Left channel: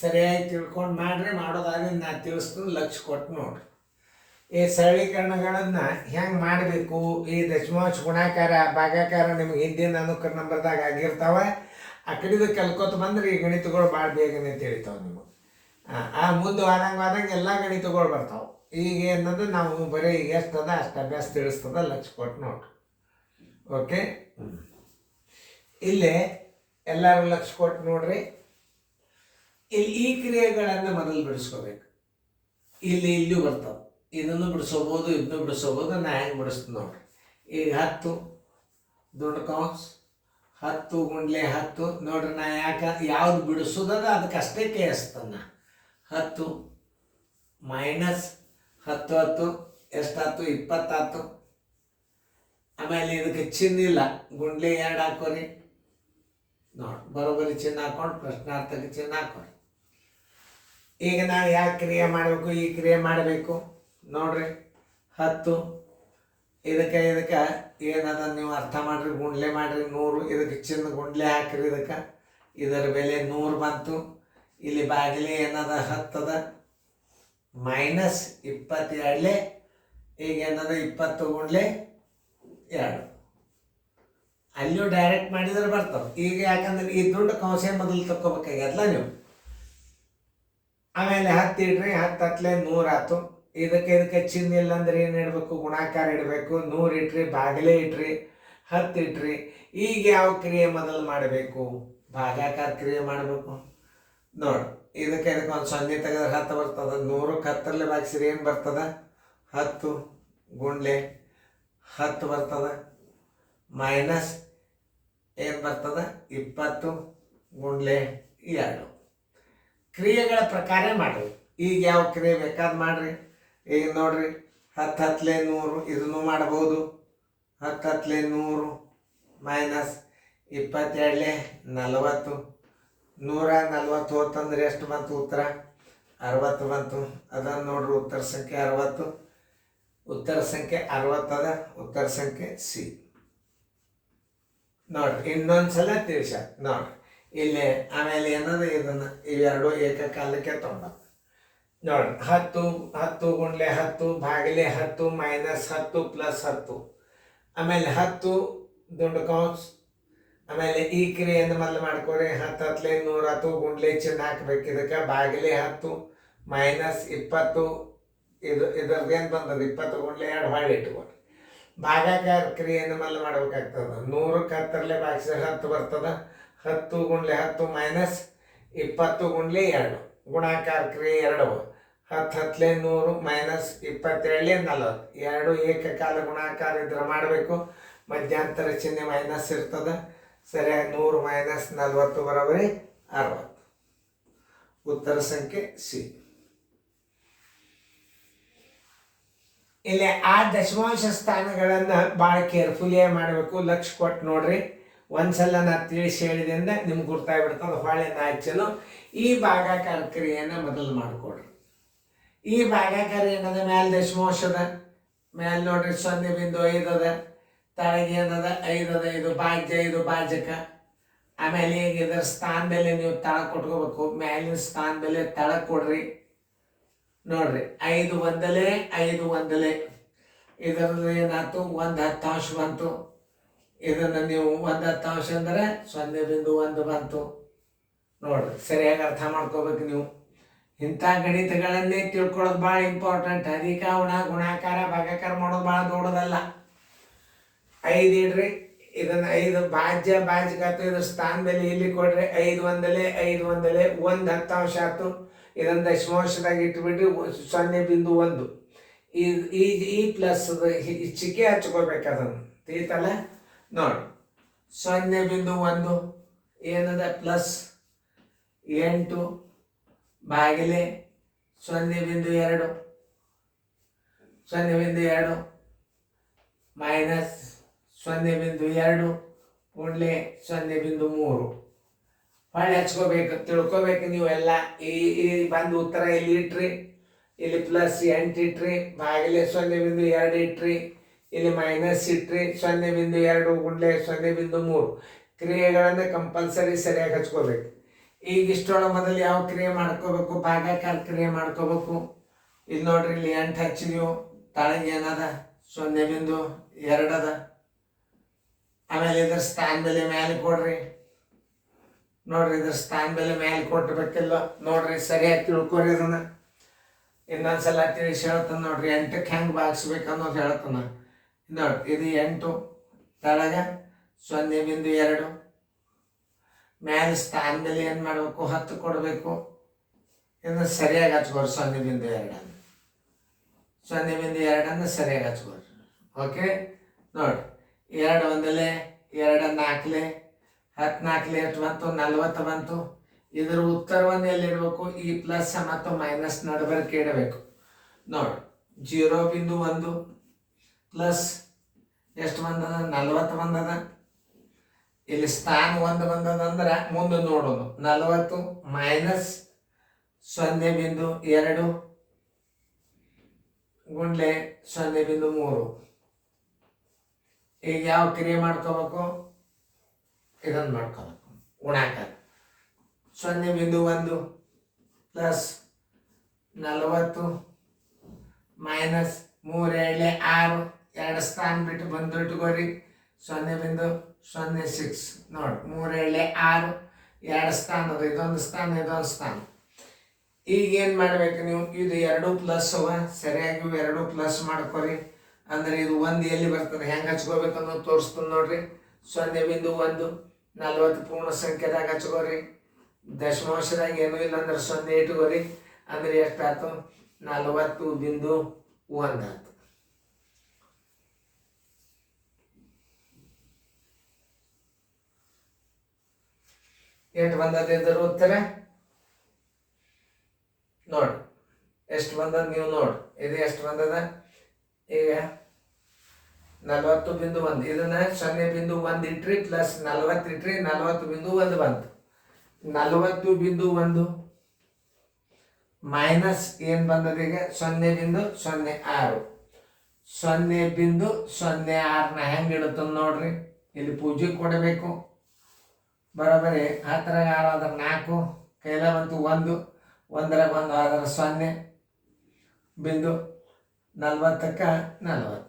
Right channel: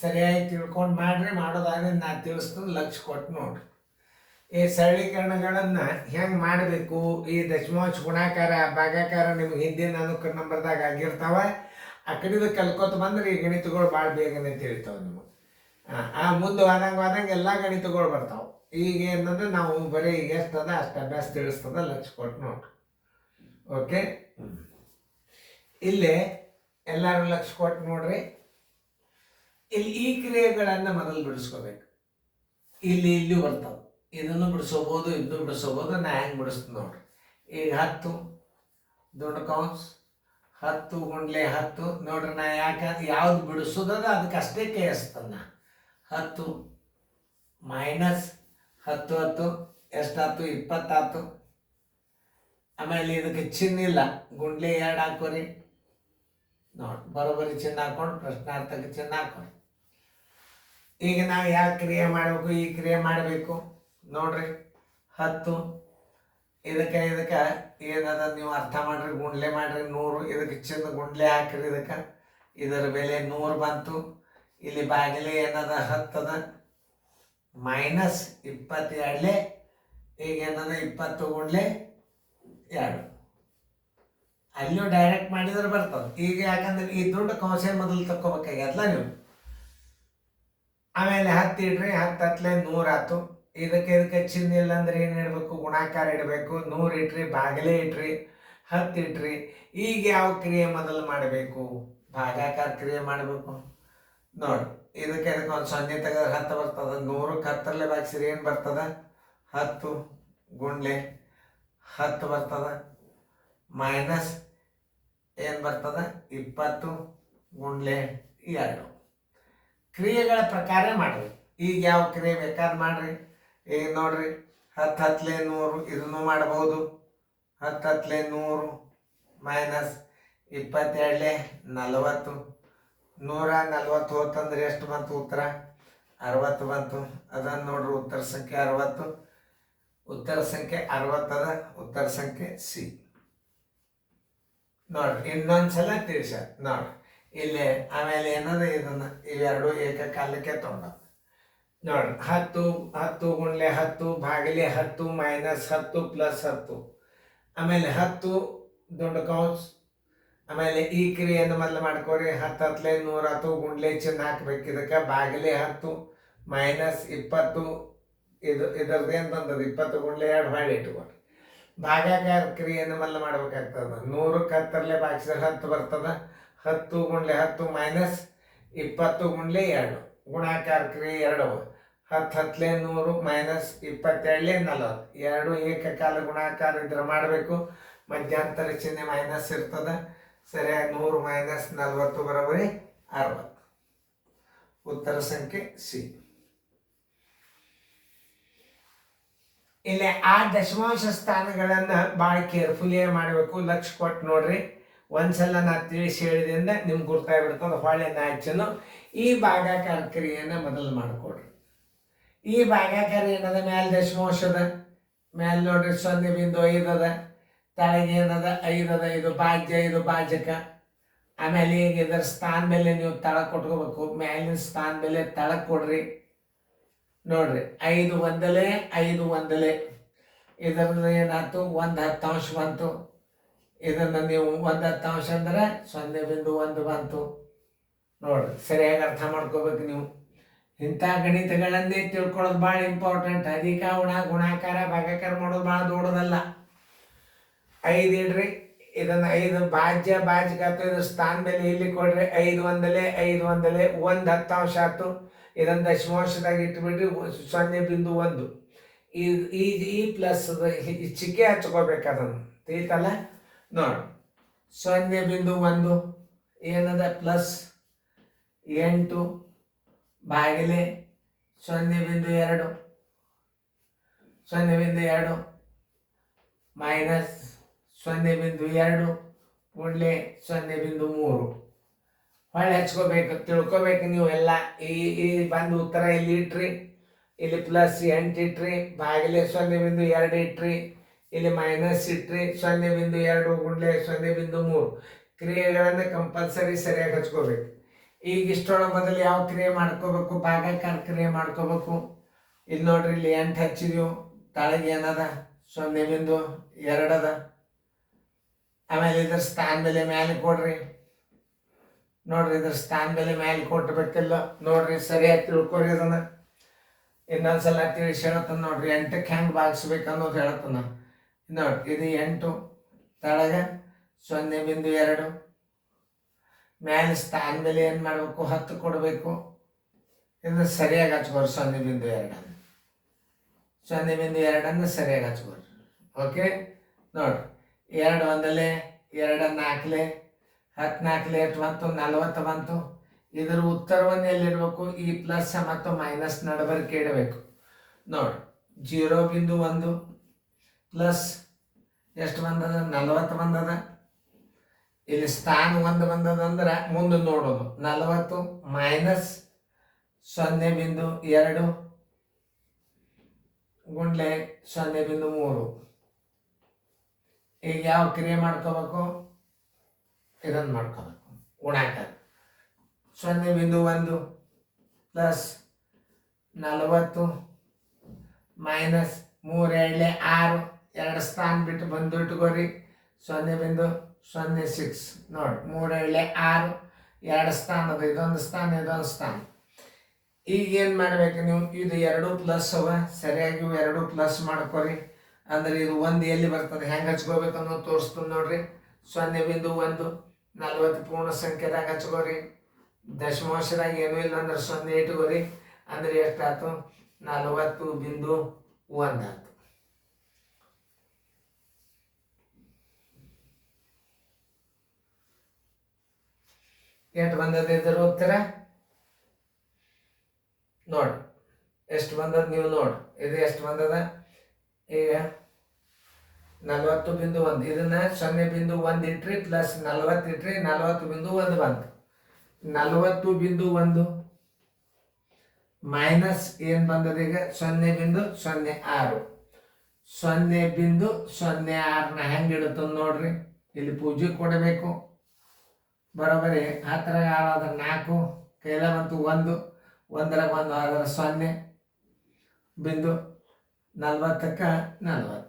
ಸರಿಯಾಗಿ ತಿಳ್ಕೊಂಡು ಮಾಡ್ರಿ. ಮಾಡೋದಾದ್ರೆ ನಾನು ತಿಳಿಸ್ತೀನಿ, ಲಕ್ಷ ಕೊಟ್ಟು ನೋಡ್ರಿ. ಈ ಸರಳೀಕರಣಗಳನ್ನು ಹೆಂಗೆ ಮಾಡಬೇಕು, ಈ ದಶಮಾಂಶ ಗುಣಾಕಾರ ಭಾಗಾಕಾರ ನಿಮ್ಗೆ ಹಿಂದಿನ ಅನುಕ್ರಮ ನಂಬರ್ದಾಗ ಆಗಿರ್ತಾವ. ಆ ಕಡೆದು ಕಲ್ಕೋತ ಬಂದ್ರೆ ಈ ಗಣಿತಗಳು ಭಾಳ ಬೇಗನೆ ತಿಳಿತಾವೆ ನಿಮಗೆ. ಆ ಮುಂದೆ ಆದಂಗೆ ಎಲ್ಲ ಗಣಿತಗಳು ಬರ್ತಾವೆ. ಈಗ ಏನಂದ್ರೆ ನಾವು ಬರೀ ಈಗ ಎಷ್ಟದ ಅಷ್ಟು ಅಭ್ಯಾಸ ತಿಳಿಸ್ತದ, ಲಕ್ಷ ಕೊಟ್ಟು ನೋಡ್ರಿ. ಓಕೆ, ಇಲ್ಲಿ ಎಲ್ಲರೂ ಲಕ್ಷ ಕೊಟ್ಟು ನೋಡ್ರಿ. ಇಲ್ಲಿ ಈ ಕ್ರಿಯೆಗಳನ್ನು ಮೊದಲು ಬಿಡಿಸ್ಕೋಬೇಕು. ಇಲ್ಲೂ ಬರ್ತಾವೆ. ಇದನ್ನು ಬಿಡಿಸೋಬೋದು, ಇದನ್ನು ಬಿಡಿಸೋಬೋದು. ನಾ ಹೆಂಗೆ ಬಿಡಿಸ್ತೀನಿ ನೋಡ್ರಿ. ಈಗ 10 ದೊಡ್ಡ ಕೌನ್ಸ್ 10 ಗುಂಡ್ಲೆ 10 ನೋಡ್ರಿ. ನಾ ಯಾವ್ದು ಬಿಡಿಸೋದದ ಅದಕ್ಕೆ ಅಷ್ಟೇ ಕೇಳಿಸ್ತಾನ. 10 ಮೈನಸ್ 10 10 ಎಷ್ಟಾಯ್ತು? 20 ಆಯ್ತು. ಆಮೇಲೆ ಇದಕ್ಕೆ ಚಿನ್ನ ಇಲ್ಲ, ಗುಂಡ್ಲೆ 2 ಹಾಕೋರಿ. ನೋಡಿ, ಬರೋಬ್ಬರಿ ಚಿನ್ನ ಹಾಕೊಂಡು ಪ್ರಶ್ನಾರ್ಥಕ್ಕೆ ಚಿನ್ನ ಹಾಕೋರಿ. ಈಗ ನಾವು ಯಾವ ಕ್ರಿಯೆ ಮಾಡಬೇಕು? ಈ ಕ್ರಿಯೆ ಮಾಡಬೇಕು ನೋಡ್ರಿ. 10 ಇದಕ್ಕೆ ಏನದ ನೀವು ಅರ್ಥ ಮಾಡ್ರಿ, ಗುಂಡ್ಲೆ ಮಾಡ್ರಿ. 100 ಇದಕ್ಕೆ ಚಿನ್ನ ಗುಂಡ್ಲೆ ಹಾಕ್ರಿ. ಇದರ ಬೆಲೆ 100 ಬಂತು. ಇಲ್ಲಿ ಬಾಗಿಲೆ ಏನದ 10 ಅದ, ಮೈನಸ್ 22. ಈಗ ಏನದ 20 ಗುಂಡ್ಲೆ 2. ಅಲ್ಲಿಯೂ ಡೈರೆಕ್ಟ್ ಮಾಡಿದ್ರೆ ಬರ್ತದೆ. ಈಗ ಯಾಕಂದ್ರೆ ಈ ದೊಡ್ಡ ಕೌನ್ಸೆ ಮೊದಲು ತಕ್ಕೋಬೇಕಾಗ್ಯದಲ್ಲ ನೀವು. ಆಮೇಲೆ 10 ಇಡ್ರಿ. 10 ಹತ್ತಲೆ 100 ಆಯ್ತು. ಇದಕ್ಕೆ ಚಿನ್ನ ಇಲ್ಲ ಅಂದ್ರೆ ಏನು ಇಡಬೇಕು? ಗುಣಾಕಾರ ಇಡಬೇಕು. 100 ಇಟ್ರಿ, ಬಾಗಿಲೆ ಇಟ್ರಿ, 10 ಇಟ್ರಿ. ಈಗ ಯಾವ ಕ್ರಿಯೆ ಮೊದಲು ಮಾಡಬೇಕು? ಭಾಗಾಕಾರ ಕ್ರಿಯೆ ಮಾಡಬೇಕು ನೋಡಿ. ಇದಕ್ಕೆ ಒಂದು 0 ತೆಗೆದ್ರೆ 10 ಬರ್ತದೆ. 100ಕ್ಕೆ 10 ಭಾಗಿಸಿದ್ರೆ ಏನು ಬರ್ತದೆ? 10 ಗುಂಡ್ಲೆ 10 ಬರ್ತದೆ. ಮೈನಸ್ ಏನು ಬರ್ತದೆ? 20 ಗುಂಡ್ಲೆ 2. ಕ್ರಿಯೆಗಳ ಪ್ರಕಾರ ಮಾಡ್ರಿ. ಈಗ ಯಾವ ಕ್ರಿಯೆ ಬೇಕಾದ್ರೆ ಮಾಡ್ರಿ. ಈಗ ನೋಡ್ರಿ, 10 ಹತ್ತಲೆ 100 ಇದನ್ನು ಮಾಡಬಹುದು. 10 ಹತ್ತಲೆ 100 ಮೈನಸ್ 22 40. 140 ಹೋತಂದ್ರೆ ಎಷ್ಟು ಬಂತು? ಉತ್ತರ 60 ಬಂತು. ಅದನ್ನು ನೋಡ್ರಿ, ಉತ್ತರ ಸಂಖ್ಯೆ 60. ಉತ್ತರ ಸಂಖ್ಯೆ 60 ಅದ. ಉತ್ತರ ಸಂಖ್ಯೆ ಸಿ ನೋಡ್ರಿ. ಇನ್ನೊಂದ್ಸಲ ತಿಳಿಸ ನೋಡ್ರಿ ಇಲ್ಲಿ. ಆಮೇಲೆ ಏನದ ಇದನ್ನು ಇವೆರಡು ಏಕಕಾಲಕ್ಕೆ ತೊಗೊಂಡ ನೋಡ್ರಿ. 10 ಗುಂಡ್ಲೆ 10 ಭಾಗಿಲೆ 10 ಮೈನಸ್ 10 ಪ್ಲಸ್ 10. ಆಮೇಲೆ 10 ದೊಡ್ಡ ಕೌನ್ಸ್. ಆಮೇಲೆ ಈ ಕ್ರಿಯೆಯನ್ನು ಮೊದಲು ಮಾಡ್ಕೋರಿ. 10 ಹತ್ತಲೆ 100 ಆಯ್ತು. ಗುಂಡ್ಲೆ ಚಿನ್ನ ಹಾಕ್ಬೇಕು. ಇದಕ್ಕೆ ಬಾಗಿಲೆ 10 ಮೈನಸ್ 20. ಇದರದ್ದು ಏನು ಬಂದದ? 20 ಗುಂಡ್ಲೆ 2 ಹೊಳ್ಳಿ ಇಟ್ಕೊಳ್ರಿ. ಭಾಗಾಕಾರ ಕ್ರಿಯೆಯನ್ನು ಮೊದಲು ಮಾಡ್ಬೇಕಾಗ್ತದೆ. 100ಕ್ಕೆ 10 ಭಾಗಿಸಿದ್ರೆ 10 ಬರ್ತದೆ. 10 ಗುಂಡ್ಲೆ 10 ಮೈನಸ್ 20 ಗುಂಡ್ಲೆ 2. ಗುಣಾಕಾರ ಕ್ರಿಯೆ 2. 10 ಹತ್ತಲೆ 100 ಮೈನಸ್ 22 40. 2 ಏಕಕಾಲ ಗುಣಾಕಾರ ಇದ್ರೆ ಮಾಡಬೇಕು. ಮಧ್ಯಂತರ ಚಿಹ್ನೆ ಮೈನಸ್ ಇರ್ತದೆ. ಸರಿಯಾಗಿ 100 ಮೈನಸ್ 40 ಬರೋಬರಿ 60. ಉತ್ತರ ಸಂಖ್ಯೆ ಸಿ. ಇಲ್ಲಿ ಆ ದಶಮಾಂಶ ಸ್ಥಾನಗಳನ್ನು ಭಾಳ ಕೇರ್ಫುಲಿಯಾಗಿ ಮಾಡಬೇಕು. ಲಕ್ಷ ಕೊಟ್ಟು ನೋಡ್ರಿ. ಒಂದ್ಸಲ ನಾ ತಿಳಿಸಿ ಹೇಳಿದೆ ಅಂದ್ರೆ ನಿಮ್ಗೆ ಗುರ್ತಾಗ್ಬಿಡ್ತದೆ. ಹೊಳೆ ನಾಚಲು ಈ ಭಾಗಾಕಾರ ಕ್ರಿಯೆಯನ್ನು ಮೊದಲು ಮಾಡಿಕೊಡ್ರಿ. ಈ ಭಾಗಾಕಾರ ಏನದ? ಮ್ಯಾಲೆ ದಶಮಾಂಶದ ಮ್ಯಾಲೆ ನೋಡ್ರಿ 0.5 ಅದ. ತಳಗೆ ಏನದ? 5 ಅದ. ಇದು ಭಾಜ್ಯ, ಇದು ಭಾಜಕ. ಆಮೇಲೆ ಈಗ ಇದರ ಸ್ಥಾನ ಬೆಲೆ ನೀವು ತಳಗೆ ಕೊಟ್ಕೋಬೇಕು. ಮ್ಯಾಲಿನ ಸ್ಥಾನ ಬೆಲೆ ತಳಗೆ ಕೊಡ್ರಿ. ನೋಡ್ರಿ, 5 ಒಂದಲೇ 5 ಒಂದಲೇ. ಇದರದ್ದು ಏನಾಯ್ತು? 1/10 ಬಂತು. ಇದನ್ನು ನೀವು 1/10 ಅಂದ್ರೆ 0.1 ಬಂತು. ನೋಡ್ರಿ, ಸರಿಯಾಗಿ ಅರ್ಥ ಮಾಡ್ಕೋಬೇಕು ನೀವು. ಇಂಥ ಗಣಿತಗಳನ್ನೇ ತಿಳ್ಕೊಳ್ಳೋದು ಭಾಳ ಇಂಪಾರ್ಟೆಂಟ್. ಅಧಿಕ ಗುಣಾಕಾರ ಭಾಗಾಕಾರ ಮಾಡೋದು ಭಾಳ ದೊಡ್ಡದಲ್ಲ. 5 ಇಡ್ರಿ. ಇದನ್ನು 5 ಭಾಜ್ಯ ಭಾಜಕ ಇದ್ರ ಸ್ಥಾನ ಬೆಲೆ ಇಲ್ಲಿ ಕೊಡ್ರಿ. 5 ಒಂದಲೇ 5 ಒಂದಲೇ 1/10 ಆಯ್ತು. ಇದನ್ನು ದಶಮಾಂಶದಾಗ ಇಟ್ಬಿಟ್ರಿ. 0.1. ಈ ಪ್ಲಸ್ ಚಿಕ್ಕೆ ಹಚ್ಕೋಬೇಕು. ಅದನ್ನು ತಿಳಿತಲ್ಲ ನೋಡಿ. 0.1 ಏನದ? Plus 8 ಬಾಗಿಲೆ 0.2 0.2 minus 0.2 ಗುಂಡ್ಲೆ 0.3. ಹೊಳ್ಳಿ ಹಚ್ಕೋಬೇಕು. ತಿಳ್ಕೊಬೇಕು ನೀವು ಎಲ್ಲ. ಈ ಬಂದು ಉತ್ತರ ಇಲ್ಲಿ ಇಟ್ರಿ. ಇಲ್ಲಿ ಪ್ಲಸ್ 8 ಇಟ್ರಿ. ಬಾಗಿಲೆ 0.2 ಇಟ್ರಿ. ಇಲ್ಲಿ ಮೈನಸ್ ಇಟ್ರಿ. 0.2 ಗುಂಡ್ಲೆ 0.3. ಕ್ರಿಯೆಗಳನ್ನು ಕಂಪಲ್ಸರಿ ಸರಿಯಾಗಿ ಹಚ್ಕೋಬೇಕು. ಈಗ ಇಷ್ಟೊಳಗೆ ಮೊದಲು ಯಾವ ಕ್ರಿಯೆ ಮಾಡ್ಕೋಬೇಕು? ಭಾಗಾಕಾರ ಕ್ರಿಯೆ ಮಾಡ್ಕೋಬೇಕು. ಇಲ್ಲಿ ನೋಡ್ರಿ, ಇಲ್ಲಿ 8 ಹಚ್ಚಿದೀವು, ತಳಗೆ ಏನದ 0.2 ಅದ. ಆಮೇಲೆ ಇದ್ರ ಸ್ಥಾನ ಬೆಲೆ ಮ್ಯಾಲೆ ಕೊಡ್ರಿ. ನೋಡ್ರಿ, ಇದ್ರ ಸ್ಥಾನ ಬೆಲೆ ಮ್ಯಾಲೆ ಕೊಟ್ಟಬೇಕಿಲ್ಲ ನೋಡ್ರಿ, ಸರಿಯಾಗಿ ತಿಳ್ಕೊರಿ ಅದನ್ನ. ಇನ್ನೊಂದ್ಸಲ ತಿಳಿಸಿ ಹೇಳ್ತಾನ ನೋಡ್ರಿ, 8ಕ್ಕೆ ಹೆಂಗೆ ಭಾಗಿಸ್ಬೇಕು ಅನ್ನೋದು ಹೇಳ್ತಾನ ನೋಡ್ರಿ. ಇದು 8, ತಳಗ 0.2, ಮ್ಯಾಲೆ ಸ್ಥಾನ ಬೆಲೆ ಏನು ಮಾಡಬೇಕು? 10 ಕೊಡಬೇಕು. ಇದನ್ನ ಸರಿಯಾಗಿ ಹಚ್ಕೋರಿ. 0.2 0.2 ಸರಿಯಾಗಿ ಹಚ್ಕೋರಿ. ಓಕೆ, ನೋಡ್ರಿ, 2 ಒಂದಲೆ 2 4 10 4 ಎಷ್ಟು ಬಂತು? 40 ಬಂತು. ಇದರ ಉತ್ತರವನ್ನು ಎಲ್ಲಿಡಬೇಕು? ಈ ಪ್ಲಸ್ ಮತ್ತು ಮೈನಸ್ ನಡಬರ್ಕೆ ಇಡಬೇಕು. ನೋಡಿ, 0.1 ಪ್ಲಸ್ ಎಷ್ಟು ಬಂದದ? 40 ಬಂದದ. ಇಲ್ಲಿ ಸ್ಥಾನ 1 ಬಂದದ ಅಂದ್ರೆ ಮುಂದೆ ನೋಡೋದು. 40 ಮೈನಸ್ 0.2 ಗುಂಡ್ಲೆ 0.3. ಈಗ ಯಾವ ಕ್ರಿಯೆ ಮಾಡ್ಕೋಬೇಕು? ಇದನ್ನು ಮಾಡ್ಕೋಬೇಕು, ಗುಣಾಕಾರ. 0.1 ಪ್ಲಸ್ 40 ಮೈನಸ್ 3 6, 2 ಸ್ಥಾನ ಬಿಟ್ಟು ಬಂದು ಇಟ್ಕೋರಿ. 0.06 ನೋಡಿ, 3 6, 2 ಸ್ಥಾನ ಅದು, ಇದೊಂದು ಸ್ಥಾನ ಇದೊಂದು ಸ್ಥಾನ. ಈಗ ಏನು ಮಾಡ್ಬೇಕು ನೀವು? ಇದು 2 ಪ್ಲಸ್ ಅವ, ಸರಿಯಾಗಿ 2 ಪ್ಲಸ್ ಮಾಡ್ಕೊರಿ. ಅಂದ್ರೆ ಇದು 1 ಎಲ್ಲಿ ಬರ್ತದೆ, ಹೆಂಗೆ ಹಚ್ಕೋಬೇಕು ಅನ್ನೋದು ತೋರಿಸ್ತೀನಿ ನೋಡ್ರಿ. 0.1 40 ಪೂರ್ಣ ಸಂಖ್ಯೆದಾಗ ಹಚ್ಕೋರಿ. ದಶಮಾಂಶದಾಗ ಏನೂ ಇಲ್ಲ ಅಂದ್ರೆ 0 ಇಟ್ಕೋರಿ. ಅಂದ್ರೆ ಎಷ್ಟಾಯ್ತು? 40.1 ಆಯ್ತು. ಎಷ್ಟು ಬಂದದ ಇದ್ರ ಉತ್ತರ? ನೋಡಿ ಎಷ್ಟು ಬಂದದ, ನೀವು ನೋಡಿ. ಇದು ಎಷ್ಟು ಬಂದದ? ಈಗ 40.1, ಇದನ್ನ 0.1 ಇಟ್ರಿ ಪ್ಲಸ್ 40 ಇಟ್ರಿ, 40.1 ಬಂತು. 40.1 ಮೈನಸ್ ಏನು ಬಂದದ ಈಗ? 0.06. 0.06ನ ಹೆಂಗೆ ಇಡುತ್ತ ನೋಡ್ರಿ. ಇಲ್ಲಿ ಪೂಜೆ ಕೊಡಬೇಕು. ಬರೋಬರಿ 10 6 4, ಕೈಲ ಬಂತು 1, 1 ಆದ್ರೆ 0.40ಕ್ಕೆ 40.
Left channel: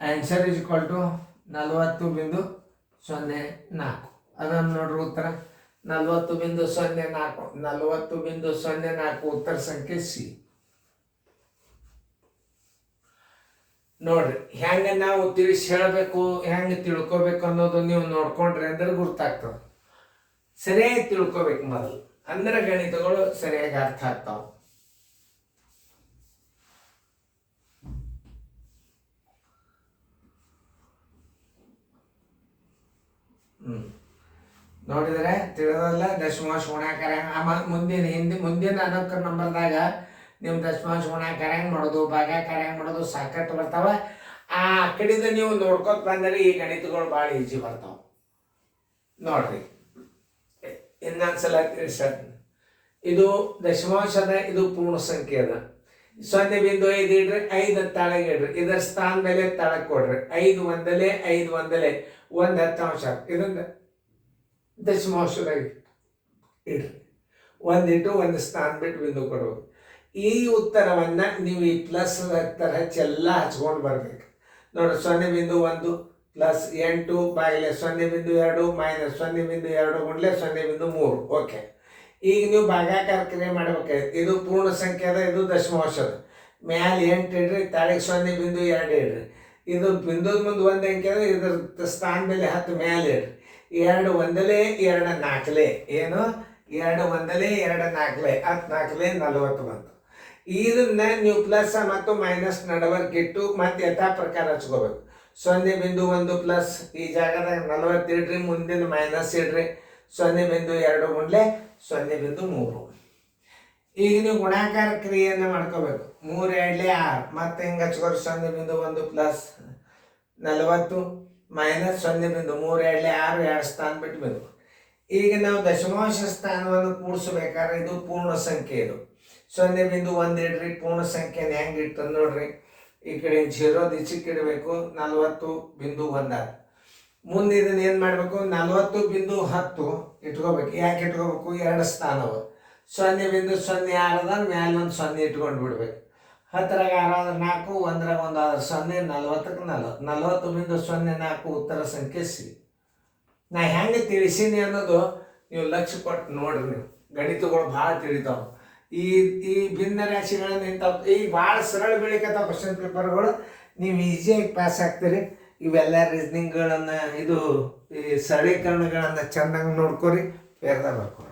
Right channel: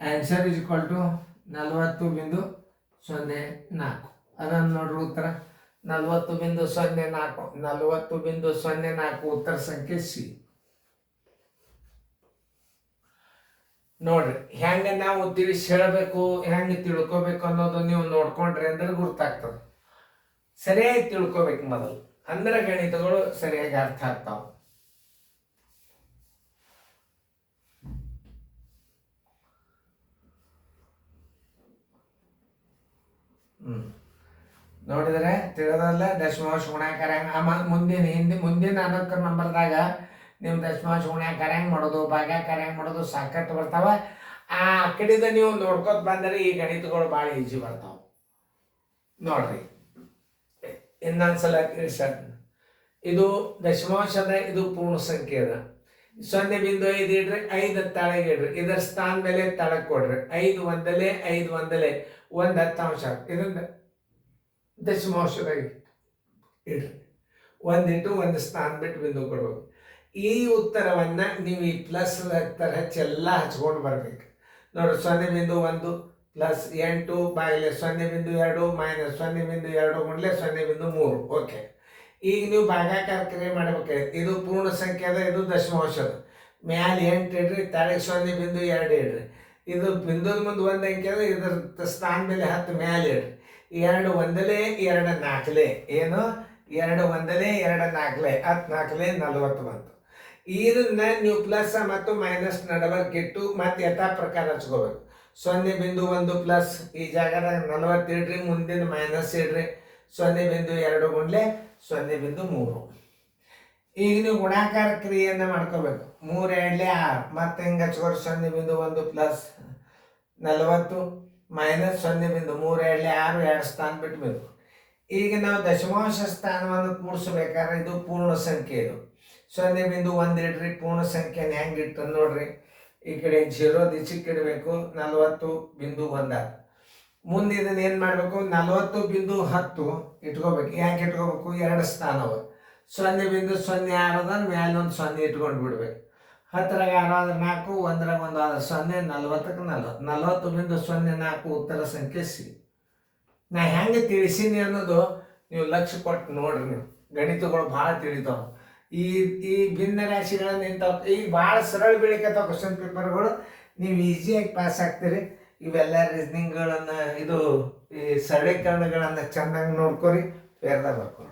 Answer is equal to 40.04. ಅದನ್ನು ನೋಡ್ರಿ ಉತ್ತರ 40.04. 40.04 ಉತ್ತರ ಸಂಖ್ಯೆ ಸಿ. ನೋಡ್ರಿ, ಹೆಂಗೆ ನಾವು ತಿಳಿಸಿ ಹೇಳಬೇಕು, ಹೆಂಗೆ ತಿಳ್ಕೊಬೇಕು ಅನ್ನೋದು ನೀವು ನೋಡ್ಕೊಂಡ್ರಿ ಅಂದ್ರೆ ಗುರ್ತಾಗ್ತದೆ. ಸರಿಯಾಗಿ ತಿಳ್ಕೊಬೇಕು ಮೊದಲು, ಅಂದ್ರೆ ಗಣಿತಗಳು ಸರಿಯಾಗಿ ಅರ್ಥ ಆಗ್ತಾವ. ನೋಡಿದ್ರೆ ತಿಳಿದಲ್ಲ ದಶಮಾಂಶ ಗುಣಾಕಾರ. ಆಮೇಲೆ ಮುಂದಿನ ಅನುಕ್ರಮ ನಂಬರ್ದಾಗ ನಿಮ್ಮ ದಶಮಾಂಶ ಗುಣಾಕಾರ ಹೆಂಗೆ ಮಾಡೋದು, ಭಾಗಾಕಾರ ಹೆಂಗೆ ಮಾಡೋದು ಸಾಕಷ್ಟು ಬರ್ತಾವ. ಆ ಕಡೆಯಿಂದ ನೀವು ನೋಡ್ಕೊತ ಬಂದರೆ ಈ ಗಣಿತಗಳು ಭಾಳ ಈಜಿ ಬರ್ತಾವ. ನೋಡ್ರಿ, ಇನ್ನೊಂದ್ಸಲ ತಿಳಿಸ. ಇದು ದಶಮಾಂಶದ, ಇದು ಪೂರ್ಣ ಸಂಖ್ಯೆ ಅದ. 0.5 ಇಡ್ರಿ, 5 ತಳಗೆ ಇಡ್ರಿ. ಇದರ ಸ್ಥಾನ ಮೇಲೆ ತಳಗೆ ಕೊಡ್ರಿ. 5 ಒಂದಲೆ 5 ಒಂದಲೆ 1 10th. ಇದನ್ನ ದಶಮಾಂಶದಾಗ ಇಡ್ರಿ. 1 ಇಟ್ಟು 1 ಸ್ಥಾನ ಬಿಟ್ಟು ಬಿಂದು ಕೊಡ್ಬೇಕು. ಈ ಉತ್ತರವನ್ನ ನೀವು ಈ ಪ್ಲಸ್ ತರ ಹಚ್ಚೆಲ್ಲ ಹಚ್ಕೊಂಡು ಬರ್ಬೇಕು. ನೋಡ್ರಿ, 0.1 ಪ್ಲಸ್ 8 ಬಾಗಿಲೆ 0.2 ಮೈನಸ್ 0.2 ಗುಂಡ್ಲೆ 0.3. ಓಕೆ, ಈಗ ನೀವು ಭಾಗಾಕಾರ ಕ್ರಿಯೆ ಮಾಡ್ಬೇಕಾಯ್ತು. ಇದು ಪೂರ್ಣ ಸಂಖ್ಯೆ ಅದ, ಇದು ದಶಮಾಂಶದ. ಮ್ಯಾಲೆ 8 ಇಡ್ರಿ, ತಾಳಿಗೆ 0.2 ಇಡ್ರಿ. ಇದು ಬಿಂದುದ ಮುಂದೆ 1 ಅಂಕೆ ಅದ, ಇದ್ರ ಸ್ಥಾನ ಮೇಲೆ 10 ಮ್ಯಾಲೆ ಇಡ್ರಿ. 2 ಒಂದಲೆ 2 4 ಏನು? 2 ಒಂದಲೆ 2 4 10 4 40 ಬಂತು. ಇದನ್ನ ನೀವು ಪ್ಲಸ್ ಮತ್ತು ಮೈನಸ್ ನಡವರ್ಕ್ ಇಟ್ಟು ಮತ್ತೆ ಯಥಾ ಪ್ರಕಾರ ಹಚ್ಕೋಬೇಕು. 0.1 ಪ್ಲಸ್ ಈ ಜಾಗದಾಗ 40 ಇಡ್ರಿ, ಮುಂದಿನ ಮೈನಸ್ ಇಡ್ರಿ. 0.2 ಗುಂಡ್ಲೆ 0.3. ಈಗ ನೀವು ಗುಣಾಕಾರ ಕ್ರಿಯೆಯನ್ನು ಮಾಡ್ಕೋಬೇಕು. 3 2 6 ಮತ್ತೆ ಹೆಂಗೆ ಹಚ್ಕೋರಿ? 0.1 ಪ್ಲಸ್ 40 ಮೈನಸ್ 0.3 2 6, 2 ಸ್ಥಾನ ಬಿಟ್ಟು ಬೇಕು. ಈಗ ನಾವು ದಶಮಾಂಶ ಸ್ಥಾನವನ್ನು ಕೂಡಿಸ್ಬೇಕಾದ್ರೆ ಇದು ಪೂರ್ಣ ಸಂಖ್ಯೆ. ಇದು 0.1 ಇಡ್ರಿ, ಪೂರ್ಣ ಸಂಖ್ಯೆನ ಹೆಂಗೆ ಇಟ್ಟು ನೋಡ್ರಿ. ಈ ಕಡೆ 0 ಈಚೆಗೆ ಇಡಬೇಕು. 40.1. ಮುಂದೆ ಇದನ್ನ ಏನು ಮಾಡಬೇಕು, 40.10 ಇಟ್ಕೋಬೇಕು. ಯಾಕೆ ಇಟ್ಕೋಬೇಕು, 2 ಸ್ಥಾನವು 0.06 ಅದ, ಮ್ಯಾಲೆ ಒಂದು 0 ಇಟ್ಕೊಂಡು ಬಿಡ್ಬೇಕು. 10ರಾಗ 6 ಆದ್ರೆ 4, 1ರಾಗ 1 ಆದ್ರೆ 0, 40ಕ್ಕೆ 40.04 ಉತ್ತರ ಸಂಖ್ಯೆ ಸಿ. ನಾ ಹೆಂಗೆ ತಿಳಿಸೀನಿ ಅನ್ನೋದು ನೀವು ಲಕ್ಷ್ಯ ಕೊಟ್ಟು ನೋಡ್ರಿ. ನೀವು ಗಣಿತಗಳು ಭಾಳ ತಿಳಿತಾವೆ. ಈ ಈ ಭಿನ್ನ ರಾಶಿಗಳನ್ನು ಇಂಥವು ಈಗ ಭಾಳ ಸರಳ ಬೀಳಿಕತ್ತಾವ ಕ್ವಶನ್ ಪೇಪರ್ಗಳು. ನೀವು ಈಸಿಯಾಗಿ ಪಾಸ್ ಆಗ್ತೀರಿ. ಇವೆಲ್ಲ ರೀಸ್ನಿಂಗ್ಗಳನ್ನು, ಇದು ಈ ಸರಳೀಕರಣಗಳನ್ನು ಚೆನ್ನಾಗಿ ನೋಡ್ಕೊರಿ, ಫೇರ್ದಾಗ ಬರ್ಕೊರಿ.